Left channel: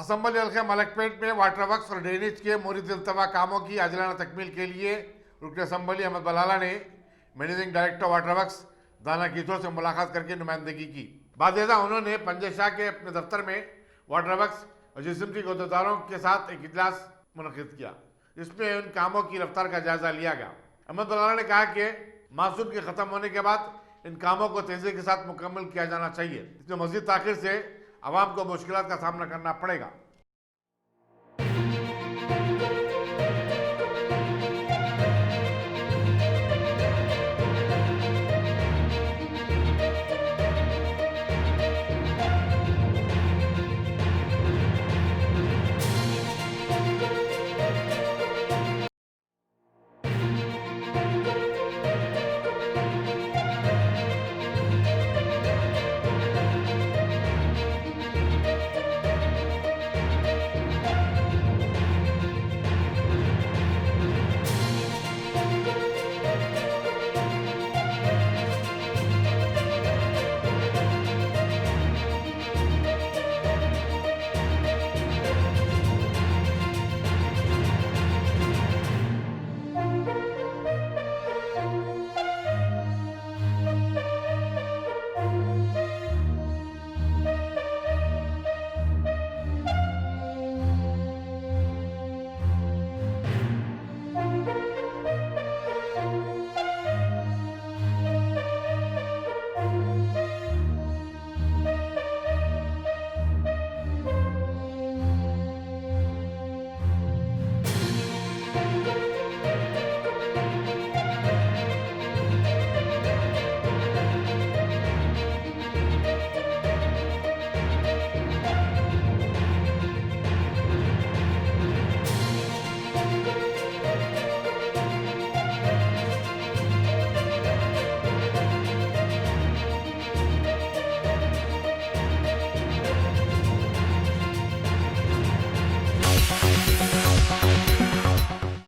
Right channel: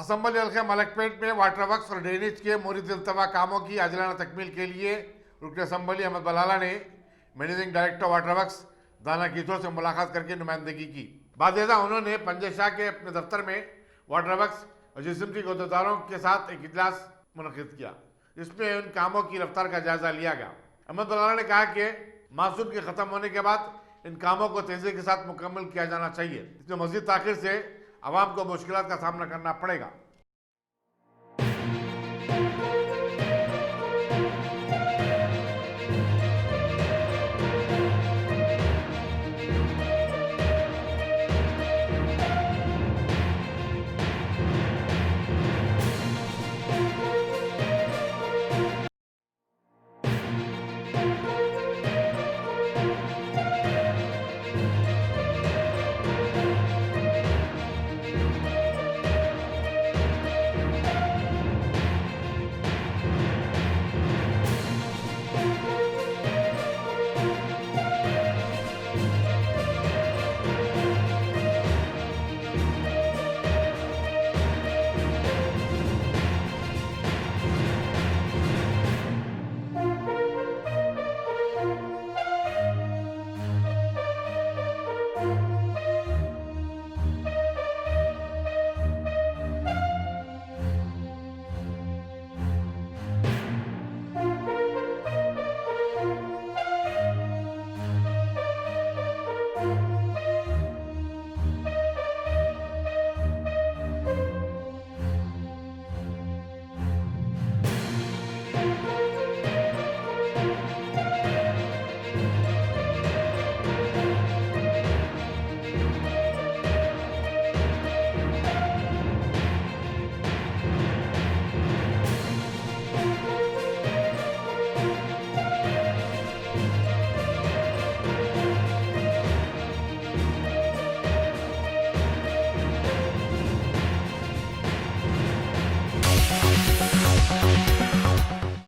Assembly हल्के मलकपेट में water works और ड्रेनेज के मुरीद इल्तवा कामों की आजिलाना तकमील के लिए रुकन असम्बली अहमद बलाला ने मैनेजिंग डायरेक्टर वाटर वर्क्स दाना कीथों से मुलाकात करके नुमाइंदगी की। बादशाह उन्होंने पंजशाह के अपने दफ्तर में वाटर वर्क्स और GHMC के अहदेदारों के साथ एक इजलास मुनक़िद किया, जिसमें उन कामों की रफ्तार का जायजा लिया गया। अहमद बलाला ने कहा कि मासूम के खत्म होने के बाद इन कामों को तेजी के साथ मुकम्मल किया जाना चाहिए। इसमें मजीद ताखिर से आवाम को मुश्किलात का सामना करना पड़ेगा।